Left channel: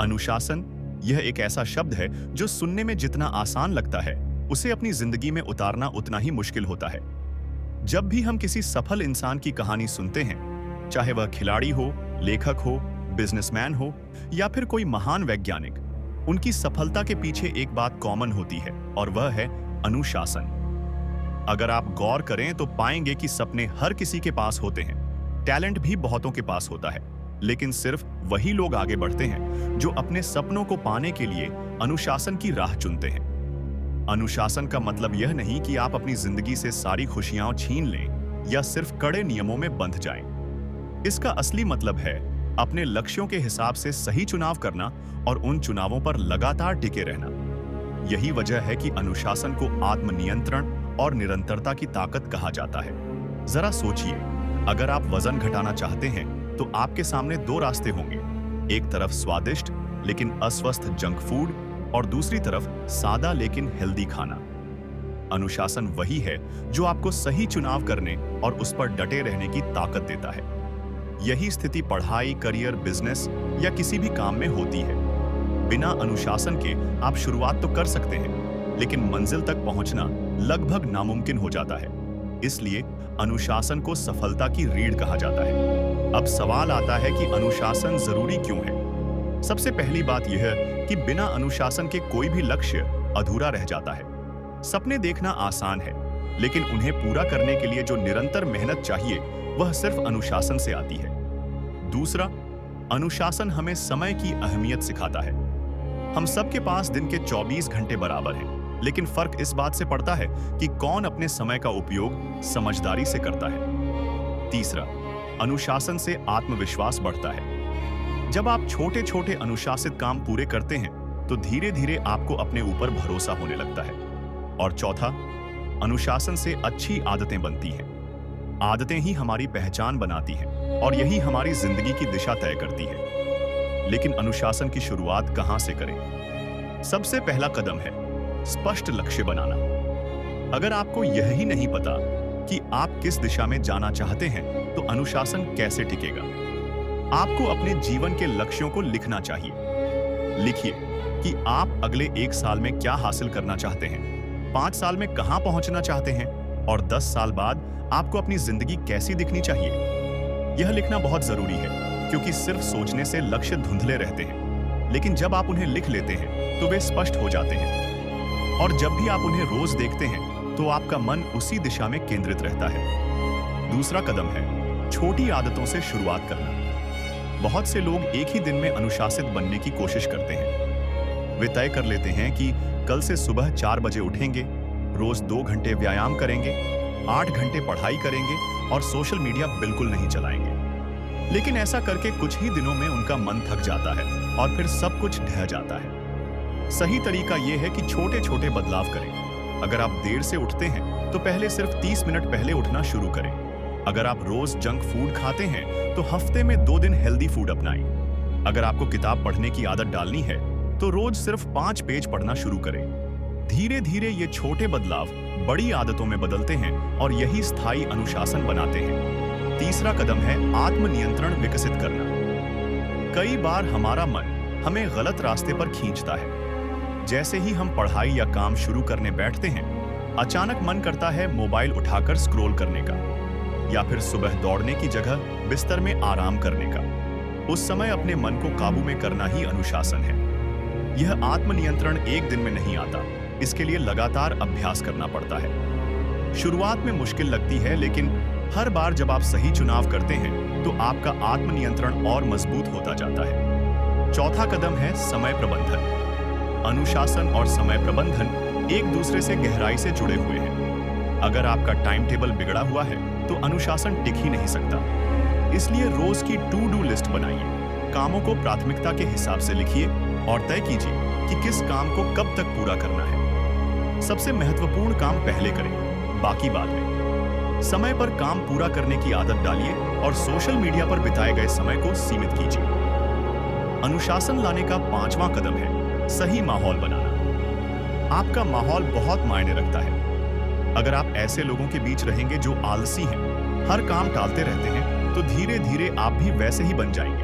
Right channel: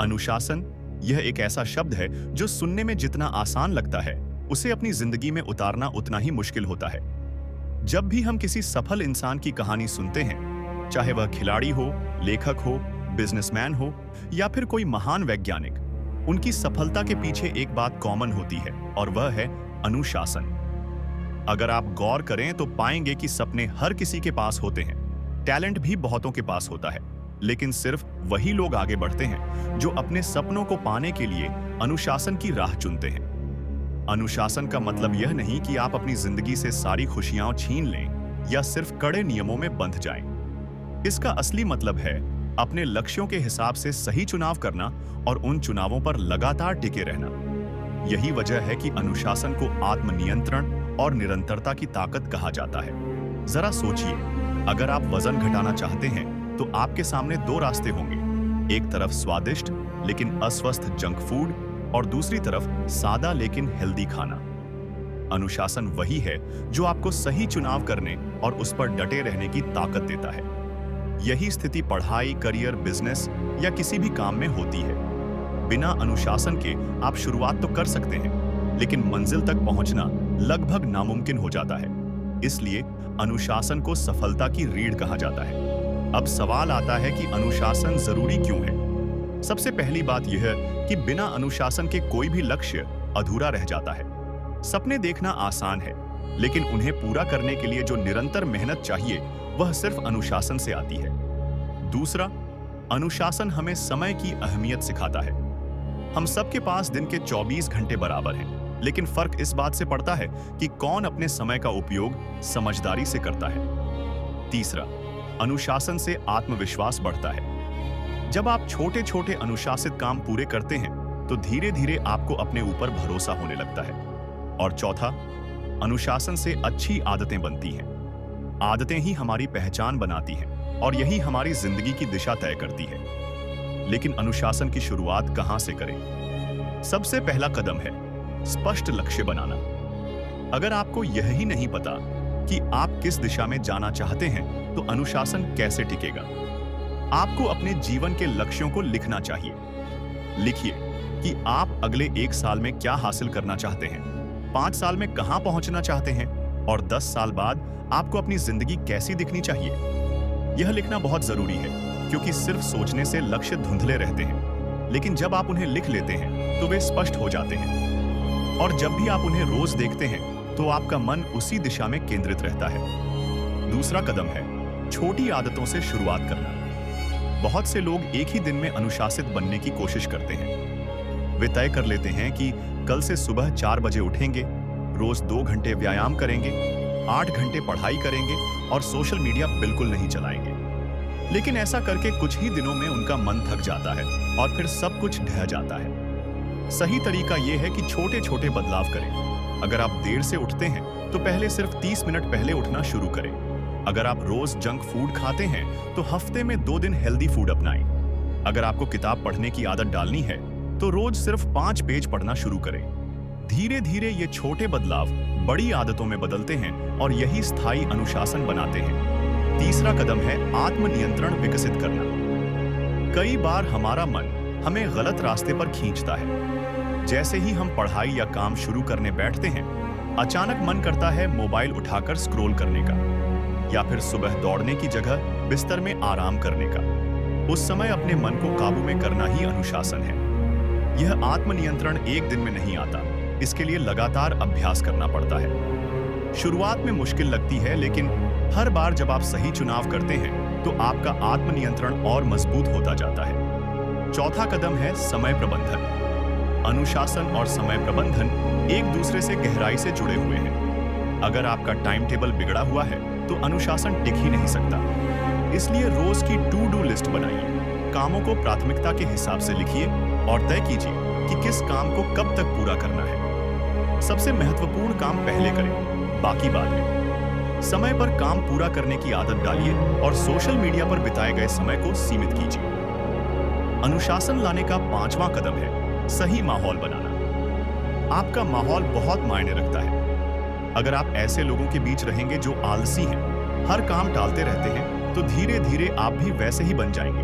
अनुशासन यह एक ऐसा शब्द है जो सुनने में जितना आसान लगता है, उसे अपनी जिंदगी में उतारना उतना ही मुश्किल होता है। जब भी हम किसी सफल इंसान की कहानी सुनते हैं, चाहे वह खिलाड़ी हो, लेखक हो, बिजनेसमैन हो या फिर कोई महान वैज्ञानिक, उनकी सफलता के पीछे एक बात कॉमन होती है और वह है अनुशासन। अगर आप गौर करें तो पाएंगे कि सपने हर किसी के पास होते हैं, टैलेंट भी बहुतों के पास होता है, लेकिन सिर्फ वही लोग आगे बढ़ते हैं जो अपने सपनों को पाने के लिए अनुशासन की राह चुनते हैं। अनुशासन का मतलब यह नहीं कि आप अपनी जिंदगी से सारी खुशियां छीन लें या सिर्फ कड़े नियमों में बंध जाएं। इसका असली मतलब है अपने लक्ष्यों के हिसाब से सही चुनाव करना और उन चुनावों पर लगातार टिके रहना। यही वजह है कि अनुशासन को आत्मनियंत्रण और निरंतरता की ताकत कहा जाता है। जरा सोचिए, अगर आप वजन घटाना चाहते हैं तो आपके सामने दो रास्ते होंगे, एक तरफ स्वादिष्ट लेकिन अस्वस्थ जंक फूड और दूसरी तरफ सादा लेकिन हेल्दी खाना। अनुशासन वही है जो आपको सही चुनाव करने और उस पर डटे रहने की ताकत देता है। यही स्थिति पढ़ाई, करियर, बिजनेस या किसी भी काम में होती है। बिना अनुशासन के आप शुरुआत तो कर सकते हैं, लेकिन मंजिल तक पहुंचना लगभग नामुमकिन हो जाता है। इसलिए अनुशासन को सफलता की रीढ़ कहा जाता है। अब सवाल आता है कि अनुशासन जरूरी क्यों है? सबसे पहली बात यह है कि बिना अनुशासन के कोई भी लक्ष्य अधूरा रह जाता है। सपने देखना आसान है, लेकिन उन्हें पूरा करने के लिए जो निरंतर मेहनत चाहिए, वह सिर्फ अनुशासन से आती है। दूसरा, अनुशासन हमें समय की अहमियत सिखाता है। हम सबके पास दिन के 24 घंटे बराबर हैं, लेकिन फर्क इस बात से पड़ता है कि कौन अपने समय का उपयोग समझदारी से करता है। तीसरा, अनुशासन से आत्मविश्वास बढ़ता है। जब आप छोटे छोटे अनुशासित काम पूरे करते हैं तो धीरे धीरे आपको अपने ऊपर भरोसा होने लगता है। और चौथा, अनुशासन से अच्छी आदतें बनती हैं। आदतें ही हमारी पहचान बनाती हैं और यही हमारी जिंदगी की दिशा तय करती है। लेकिन अनुशासन की शुरुआत कहां से करें? सबसे पहला कदम है स्पष्ट लक्ष्य बनाना। अगर आपको यह ही नहीं पता कि आप किस दिशा में जाना चाहते हैं, तो अनुशासन कैसे टिकेगा? आपको अपने जीवन के लक्ष्यों को लिखना चाहिए। लिखिए कि आप अगले 1 साल में क्या हासिल करना चाहते हैं, 5 साल में कहां पहुंचना चाहते हैं और 10 साल बाद आपको अपनी जिंदगी कैसी दिखनी चाहिए। यह लिखना बहुत जरूरी है, क्योंकि सिर्फ सोचने से लक्ष्य धुंधले रहते हैं, लेकिन जब आप उन्हें लिख लेते हैं तो वे स्पष्ट हो जाते हैं। और जब भी आप उन्हें रोज देखते हैं तो आपका मन उसी दिशा में केंद्रित रहता है। दूसरा कदम है छोटी आदतों से शुरुआत करना। बहुत से लोग एक ही दिन में अनुशासित बनने की कोशिश करते हैं। वे तय कर लेते हैं कि कल से सुबह 4 बजे उठेंगे, रोज 2 घंटे व्यायाम करेंगे, 8 घंटे पढ़ाई करेंगे और सोशल मीडिया बिल्कुल नहीं चलाएंगे। लेकिन ऐसा करके कुछ ही दिनों में उनका मन थक जाता है और फिर सब कुछ ढह जाता है। सही तरीका यह है कि छोटे छोटे बदलाव करें। अगर आप देर से उठते हैं तो पहले सिर्फ 30 मिनट पहले उठना शुरू करें। अगर आप रोज जंक फूड खाते हैं तो हफ्ते में 2 दिन हेल्दी फूड अपनाएं। अगर आपको किताब पढ़ने की आदत डालनी है तो रोज सिर्फ 5 पेज पढ़ना शुरू करें। धीरे धीरे ये छोटे बदलाव बड़ी आदतों में बदलते हैं और यही स्थायी अनुशासन बनाते हैं। तीसरा कदम है आत्मनियंत्रण विकसित करना। कई बार हमारा मन हमें गलत रास्ते पर खींचता है। जैसे ही हम पढ़ाई या काम शुरू करने बैठते हैं, अचानक मन करता है मोबाइल उठाकर स्क्रॉल करने का, या फिर सुबह दौड़ने की जगह बिस्तर में आराम करने का। उस समय अपने मन को काबू में करना ही अनुशासन है। यह आत्मनियंत्रण एक दिन में नहीं आता, इसके लिए लगातार अभ्यास करना पड़ता है। शुरुआत में मुश्किल लगती है, लेकिन हर बार जब आप सही चुनाव करते हैं तो आपका आत्मनियंत्रण और मजबूत होता जाता है। चौथा कदम है समय प्रबंधन। अनुशासन और समय प्रबंधन एक दूसरे से गहराई से जुड़े हुए हैं। अगर आपका टाइम टेबल बिगड़ा हुआ है तो अनुशासन टिक ही नहीं सकता। इसलिए रोज की टू डू लिस्ट बनाइए, कामों को प्राथमिकता के हिसाब से लिखिए और तय कीजिए कि किस काम को कब तक पूरा करना है। सबसे महत्वपूर्ण काम पहले करें, बाकी बाद में। समय पर काम पूरा करने की आदत डालिए और सोशल मीडिया पर बिताए गए समय को सीमित कीजिए। अनुशासन लाने का 5वां कदम है सही माहौल बनाना। आपका माहौल बहुत मायने रखता है। अगर आप ऐसे लोगों के बीच रहेंगे जो आलसी हैं, हर काम टालते रहते हैं, तो धीरे धीरे आप भी वैसे ही बन जाएंगे।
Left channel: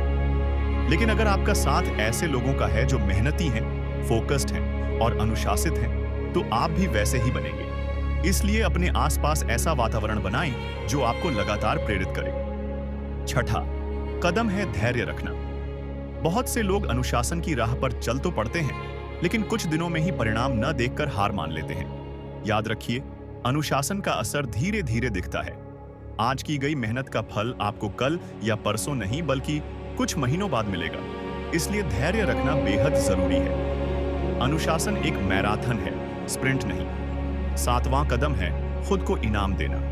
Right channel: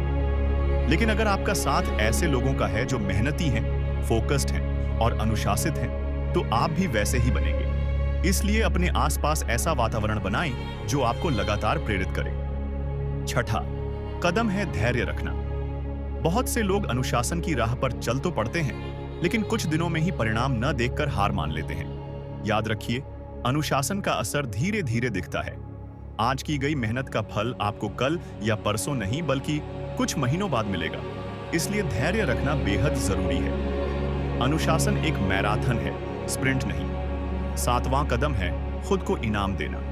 लेकिन अगर आपका साथ ऐसे लोगों का है जो मेहनती हैं, फोकस्ड हैं और अनुशासित हैं, तो आप भी वैसे ही बनेंगे। इसलिए अपने आसपास ऐसा वातावरण बनाएं जो आपको लगातार प्रेरित करे। छठा कदम है धैर्य रखना। बहुत से लोग अनुशासन की राह पर चल तो पड़ते हैं, लेकिन कुछ दिनों में ही परिणाम न देखकर हार मान लेते हैं। याद रखिए, अनुशासन का असर धीरे धीरे दिखता है। आज की गई मेहनत का फल आपको कल या परसों नहीं बल्कि कुछ महीनों बाद मिलेगा। इसलिए धैर्य रखना बेहद जरूरी है। अनुशासन एक मैराथन है, स्प्रिंट नहीं। सातवां कदम है खुद को इनाम देना।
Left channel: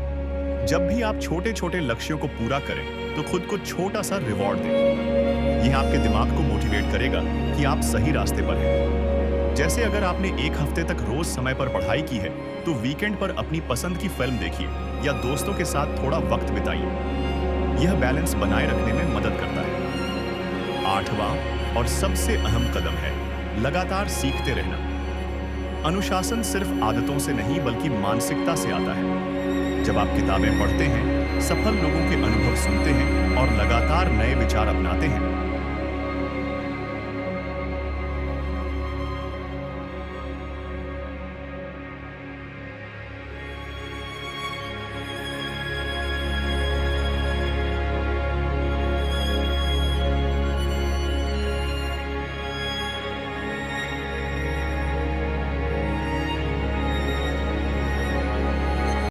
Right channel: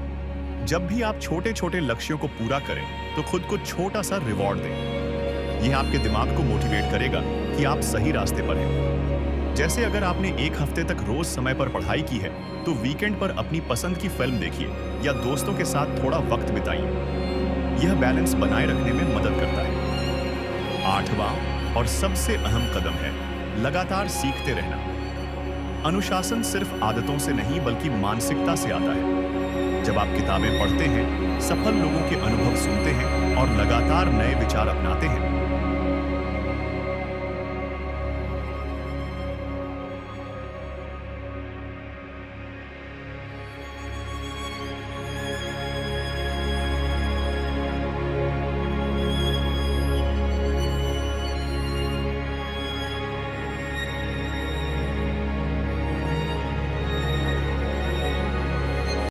जब भी आप छोटे छोटे लक्ष्यों को पूरा करें तो खुद को छोटा सा रिवॉर्ड दें। यह आपके दिमाग को मोटिवेट करेगा कि आप सही रास्ते पर हैं। जैसे अगर आपने एक हफ्ते तक रोज समय पर पढ़ाई की है, तो वीकेंड पर अपनी पसंद की फिल्म देखिए या दोस्तों के साथ थोड़ा वक्त बिताइए। यह बैलेंस बनाए रखने में मदद करता है। आठवां और सबसे अहम कदम है लगातार सीखते रहना। अनुशासन सिर्फ आदतों से नहीं बल्कि मानसिकता से आता है। जब आप किताबें पढ़ते हैं, सफल लोगों के अनुभव सुनते हैं और लगातार नए विचार अपनाते हैं,